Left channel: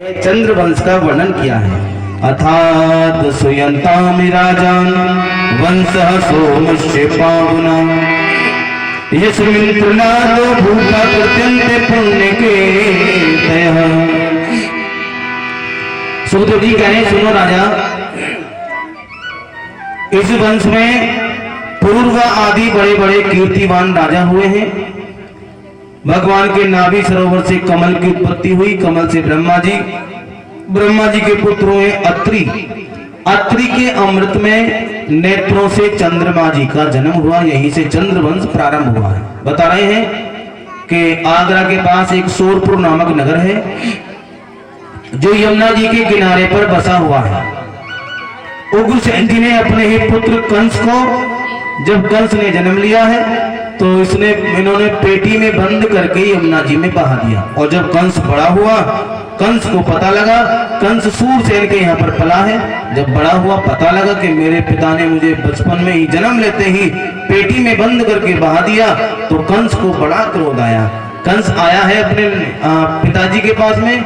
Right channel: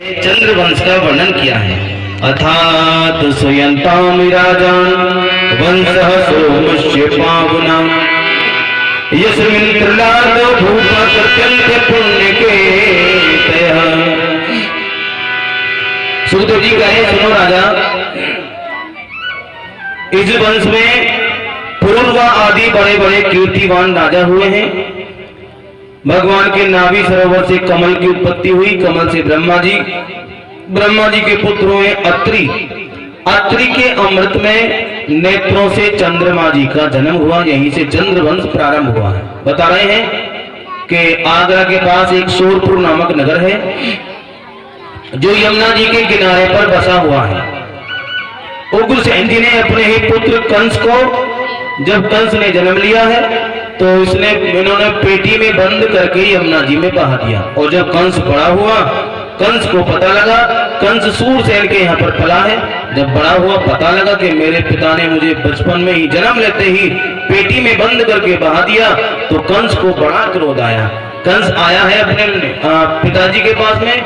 चंद्रवंश का वर्णन किया है। अथात सुयंताम राजान वंशः सोमस्य पावना यस्मिन् प्रहलाद भूपा कृत्यन्ते पुण्य के सुखदेव जी कहे, सुनो राजा, इस वंश में पूर्व आदि बड़े बड़े कीर्तिवान राजा हुए हैं। भगवान के नाभि सरोवर से कमल की उत्पत्ति हुई, कमल से ब्रह्मा जी, ब्रह्मा जी के पुत्र हुए अत्रि, अत्रि के अमृत में नेत्रों से चंद्रमा जी का जन्म हुआ। यहीं से चंद्रवंश प्रारंभ हुआ है। बता रहे हैं कि आगरा के पास एक सोरपुर नामक नगर है जो यमुना जी के किनारे पर बसा हुआ है। उग्रसेन जी ने अपने ही पुत्र कंस को, जब कंस ने जन्म लिया है तो इन्होंने पेटी में बंद करके यमुना जी में बहा दिया। और जब कंस बड़ा हुआ, कंस को पता लगा, कंस सूरसेन के यहाँ पर पला है, जब बड़ा हुआ पता लगा कि मेरे पिता ने मुझे बचपन में ही जन्म लेते ही पेटी में बंद करके बहा दिया, तो कंस को बड़ा क्रोध आया। कंस आया है अपने पिताजी के पास में,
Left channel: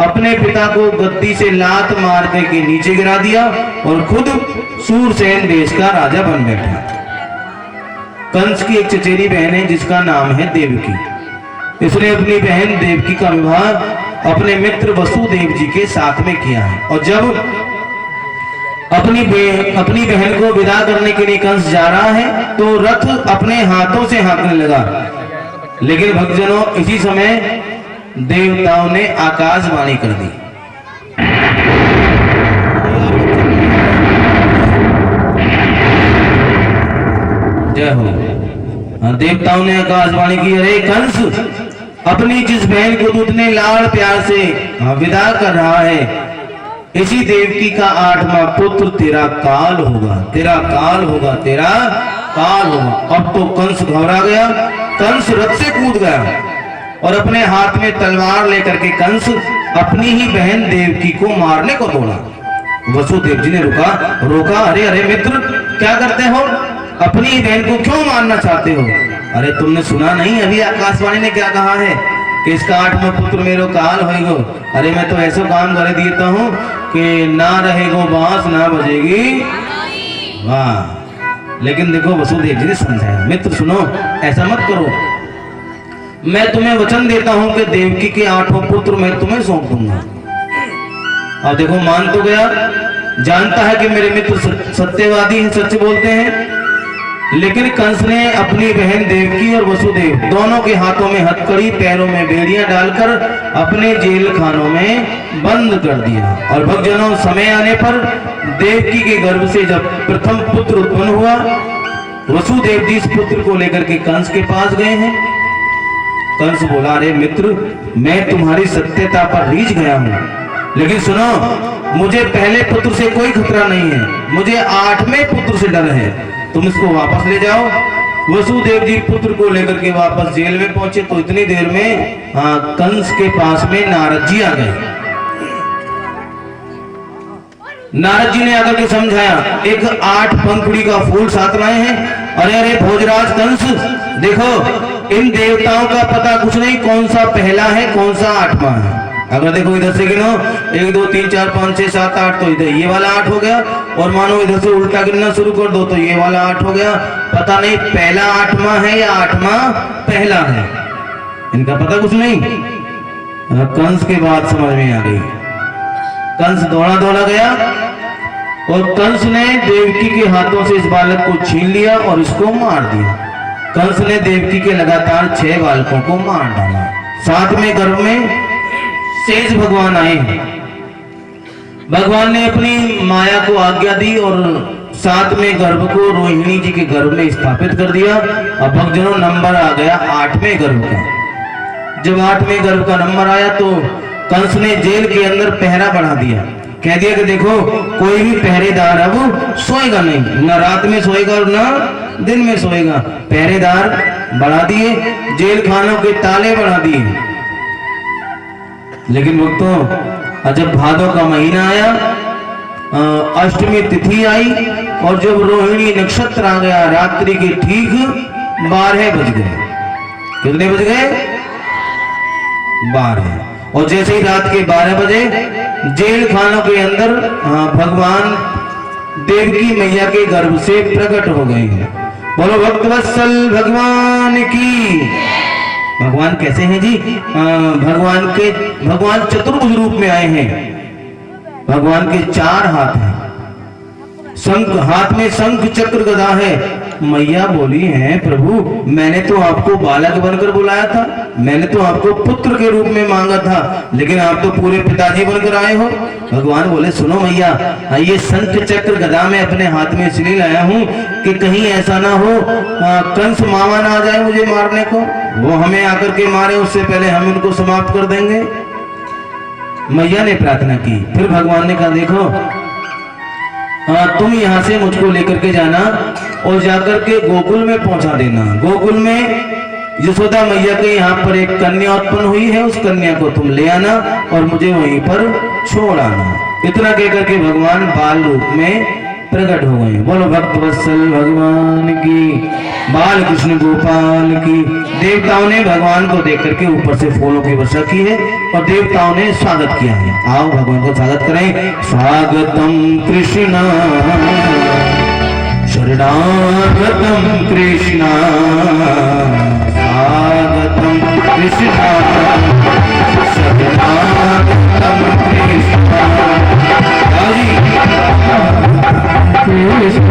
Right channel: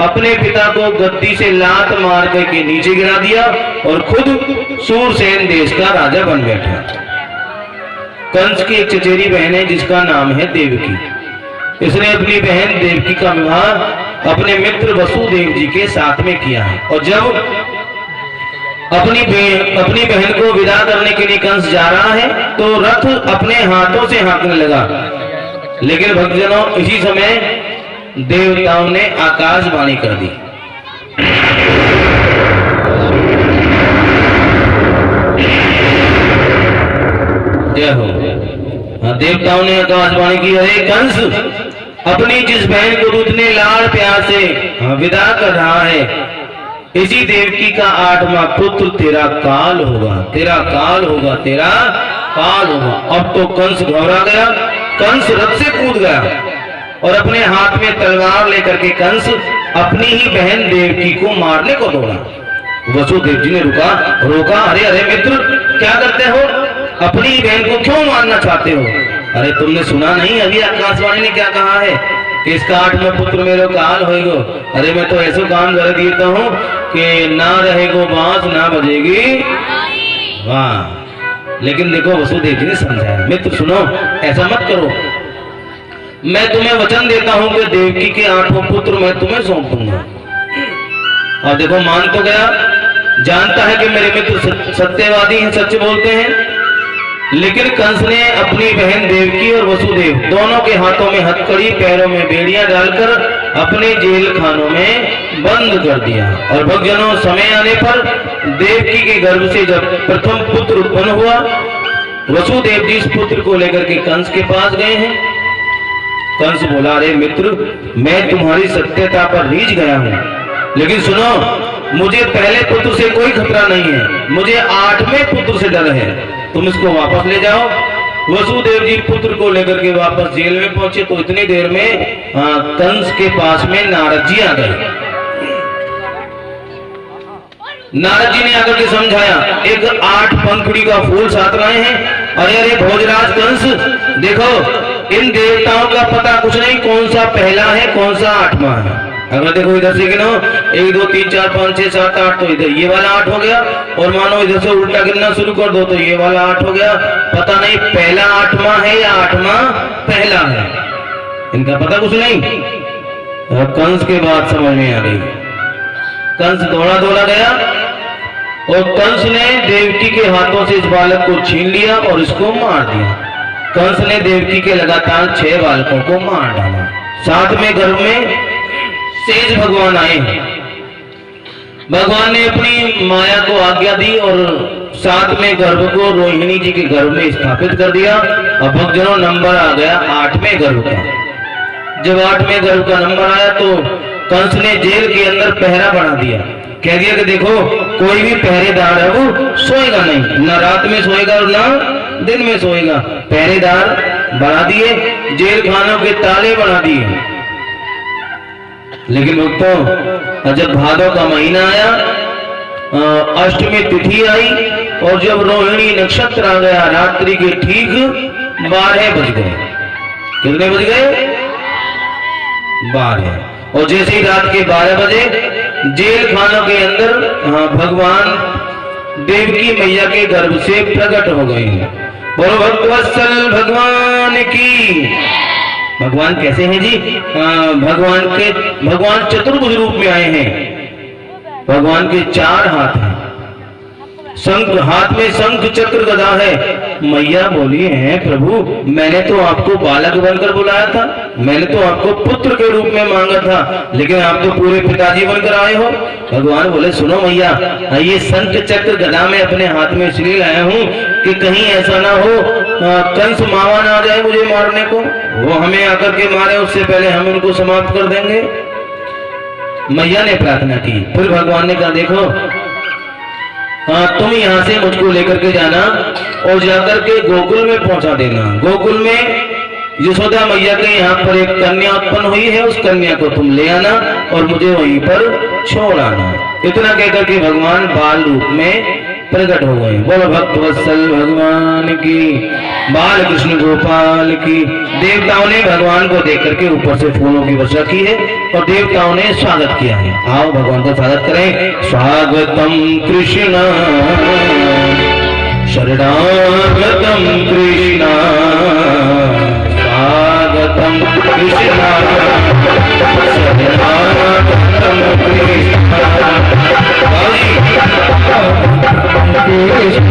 अपने पिता को गद्दी से लात मार करके नीचे गिरा दिया और खुद सूरसेन देश का राजा बन बैठा। कंस की एक चचेरी बहन है जिसका नाम है देवकी। इसने अपनी बहन देवकी का विवाह अपने मित्र वसुदेव जी के साथ में किया है। और जब अपनी बहन को विदा करने के लिए कंस जा रहा है तो रथ अपने हाथों से हाँकने लगा। लेकिन भक्तजनों, इसी समय देवताओं ने आकाशवाणी कर दी। जय हो। देवताओं ने आकाशवाणी की, अरे कंस, अपनी जिस बहन को तू इतने लाड़ प्यार से विदा कर रहा है, इसी देवकी का 8वां पुत्र तेरा काल होगा, तेरा काल होगा, तेरा काल होगा। अब तो कंस घबरा गया, कंस रथ से कूद गया और अपने हाथ में तलवार लेकर के कंस अपनी ही बहन देवकी को मारने को दौड़ा। वसुदेव जी ने रोका, अरे अरे मित्र, क्या करते हो? अपनी बहन को क्यों मारना चाहते हो? अरे तुमने सुना नहीं अभी आकाशवाणी ने क्या कहा है कि इसका 8वां पुत्र मेरो काल होएगो। अरे मैं तो ऐसा काम कर देता हूँ कि ना रहेगो बांस ना बजेगी वाह। लेकिन देखो, वसुदेव जी ने समझाया, मित्र सुनो, ऐसा मत करो, मैं तुम्हें वचन देता हूं कि देवकी के 8वां पुत्र मैं तुम्हें सौंप दूंगा। और देखो, मान तो गया, जानता है कि मेरे मित्र सत्यवादी हैं, सच बोलते हैं। लेकिन कंस ने अपनी बहन देवकी और वसुदेव दोनों के हाथों में हथकड़ी, पैरों में बेड़ियां डालकर अपने जेल खानों में बंद कर दिया। और भक्तजनों, समय आने पर देवकी के गर्भ से जब प्रथम पुत्र उत्पन्न हुआ, वसुदेव जी इस पुत्र को लेकर के कंस के पास गए हैं। कंस बोला, अरे मित्र, मैं तुम्हारी सत्यता पर रीझ गया हूं, लेकिन सुनो, मुझे पहले पुत्र से कोई खतरा नहीं है, मुझे 8वें पुत्र से डर है, तुम इसको वापस ले जाओ। वसुदेव जी पुत्र को लेकर के वापस जेल में पहुंचे तो इतनी देर में कंस के पास में नारद जी आ गए। नारद जी ने आकर के समझाया, एक 8 पंखुड़ी का फूल साथ लाए हैं। अरे अरे भोजराज कंस, देखो, इन देवताओं का पता कुछ नहीं, कौन सा पहला है कौन सा 8वां है। अगर देखो इधर से गिनो, 1 2 3 4 5 6 7 8, तो इधर ये वाला 8 हो गया। और मानो इधर से उल्टा गिनना शुरू कर दो तो ये वाला 8 हो गया। पता नहीं पहला 8वां है या 8वां पहला है, इनका पता कुछ नहीं। और कंस के बाद समझ में आ गई। कंस दौड़ा दौड़ा गया और कंस ने देवकी के हाथों से इस बालक को छीन लिया और इसको मार दिया। कंस ने देवकी के लगातार 6 बालकों को मार डाला। साथ में गर्भ में शेष भगवान आए। भगवान ने अपनी माया को आज्ञा दी और साथ में गर्भ को रोहिणी जी के गर्भ में स्थापित कर दिया। और भक्तजनों, नंबर आ गया 8वें गर्भ का। जब 8वें गर्भ का नंबर आया तो कंस ने जेल के अंदर पहरा बढ़ा दिया। कह दिया कि देखो, कोई भी पहरेदार है वो सोएगा नहीं, ना रात में सोएगा और ना दिन में सोएगा। पहरेदार बढ़ा दिए, जेल खानों के ताले बढ़ा दिए। लेकिन भक्तों, जब भादों का महीना आया, अष्टमी तिथि आई और जब रोहिणी नक्षत्र आ गया, रात्रि के ठीक 12 बज गए। कितने बज गए? 12। और जैसे ही रात के 12 बजे जेल खानों के अंदर भगवान देवकी मैया के गर्भ से प्रकट हो गए हैं। बोलो भक्तवत्सल भगवान की। भगवान कैसे हैं जी? भगवान चतुर्भुज रूप में आए हैं। भगवान के 4 हाथ हैं, शंख हाथ में शंख चक्र गदा है। मैया बोली है प्रभु मैंने तो आपको बालक बनकर बुलाया था, मैंने तो आपको पुत्र के रूप में मांगा था, लेकिन आप तो पूरे पिताजी बनकर आए हो। भगवान बोले सुनो मैया, ये शंख चक्र गदा में अपने हाथ में इसलिए लाया हूँ कि कहीं ऐसा ना हो कंस मामा ना आ जाए मुझे मारने को, वो हमें आकर के मारे उससे पहले हम उनको समाप्त कर देंगे। मैया ने प्रार्थना की। फिर भगवान ने कहा देखो तुम यहाँ से मुझको लेकर के जाना और जाकर के गोकुल में पहुंचा देना। गोकुल में यशोदा मैया के यहाँ पर एक कन्या उत्पन्न हुई है, उस कन्या को तुम ले आना और मुझे वहीं पर छोड़ आना। इतना कहकर के भगवान बाल रूप में प्रकट हो गए। बोलो भक्तवत्सल भगवान की, बाल कृष्ण गोपाल की। देवताओं ने भगवान को देख करके ऊपर से फूलों की वर्षा की है और देवताओं ने स्वागत किया है। आओ भगवान का स्वागत करें। स्वागतम कृष्ण शरणागतम कृष्ण, स्वागतम कृष्ण शरणागतम कृष्ण। कृष्ण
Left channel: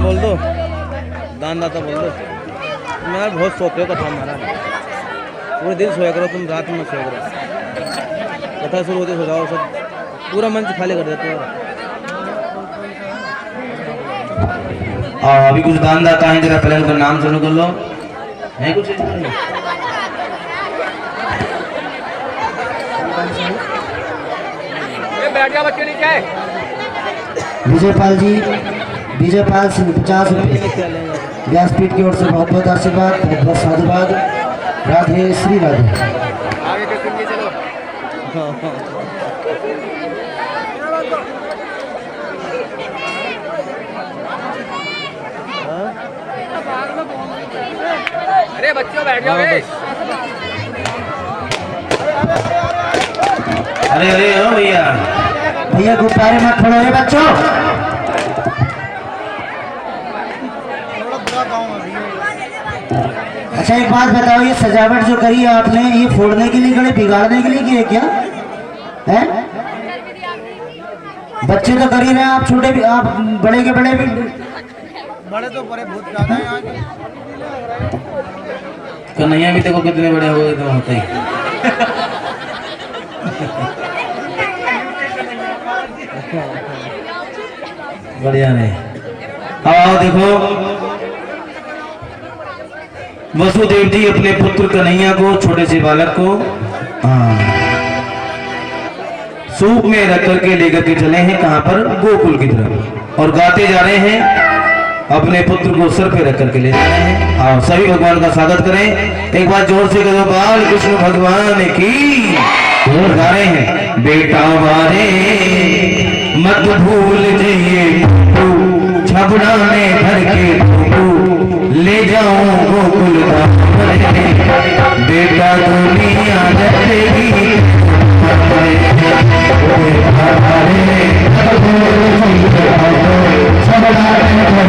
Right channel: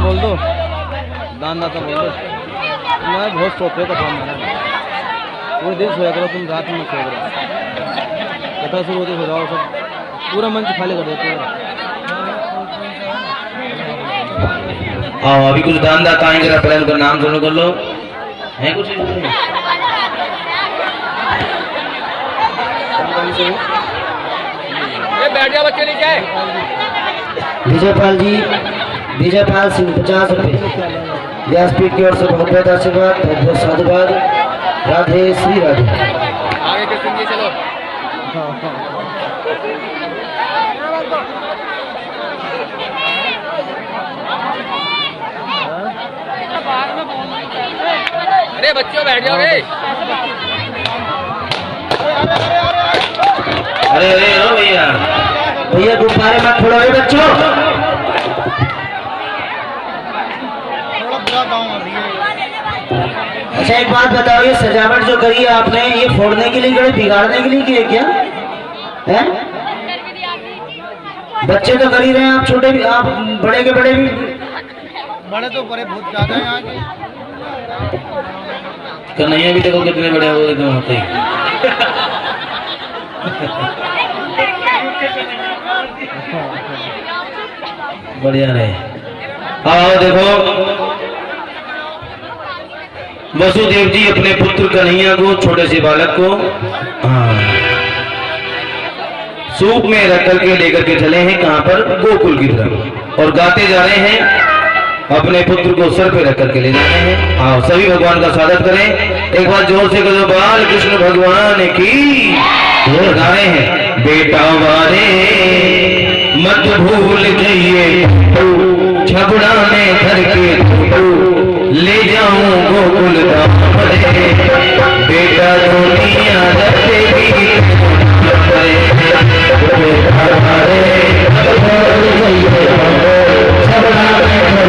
बोल दो, दानदाता बोल दो। तुम यार बहुत सोते हो कथा महाराज, पूरे दिन सोया करो, तुम रात में सोया करो, कथा शुरू होती सो जाओ, सब पूरा मंच खाली कर देते हो। अभी कुछ दानदाता हैं, जरा पहले उनका नाम सुनो कर लो, है कुछ बैठ जाओ बच्चे नीचे। विजयपाल जी, विजयपाल सिंह 50 रुपये व्यासपीठ की ओर से बहुत बहुत आशीर्वाद, बहुत बहुत साधुवाद। राधे श्री राधे। आगे के सुनिए चलो। अरे बच्चों बैठ जाओ रे। अरे अरे ओ भैया भैया गुब्बारे मत फोड़ो रे बच्चों। अच्छा एक बात बताओ, ये सजावट जो करी है आपने, ये फोड़ने के लिए करे, बिगाड़ने के लिए की है क्या है? बच्चे तो कर ही रहे हैं, आप छोटे भी, आप बड़े के बड़े भी, बड़े तो बड़े बहुत ज्यादा हैं यहाँ के। कन्हैया भी देखो कितने बड़े हुए थे वहाँ पे। बढ़िया रहे। आओ देखो, वसुदेव जी अपने पुत्र कन्हैया को, छोटे से बालक को सूप में रख करके लेकर के चले हैं, कहां पर? गोकुल की तरफ, और गाते जा रहे हैं, अपने पुत्र को सर पे रख करके ले जा रहे हैं। आओ सभी भगवान का स्वागत करें, एक बार जोर से करो, बाल कृष्ण भगवान की। और गा रहे हैं, बेटा वारे मत भूल जाइए, छबड़ा में धर के ले जाऊं गोकुल धाम, बेटा दुनिया रखेगी, बेटा वारे मत भूल जाइए, छबड़ा में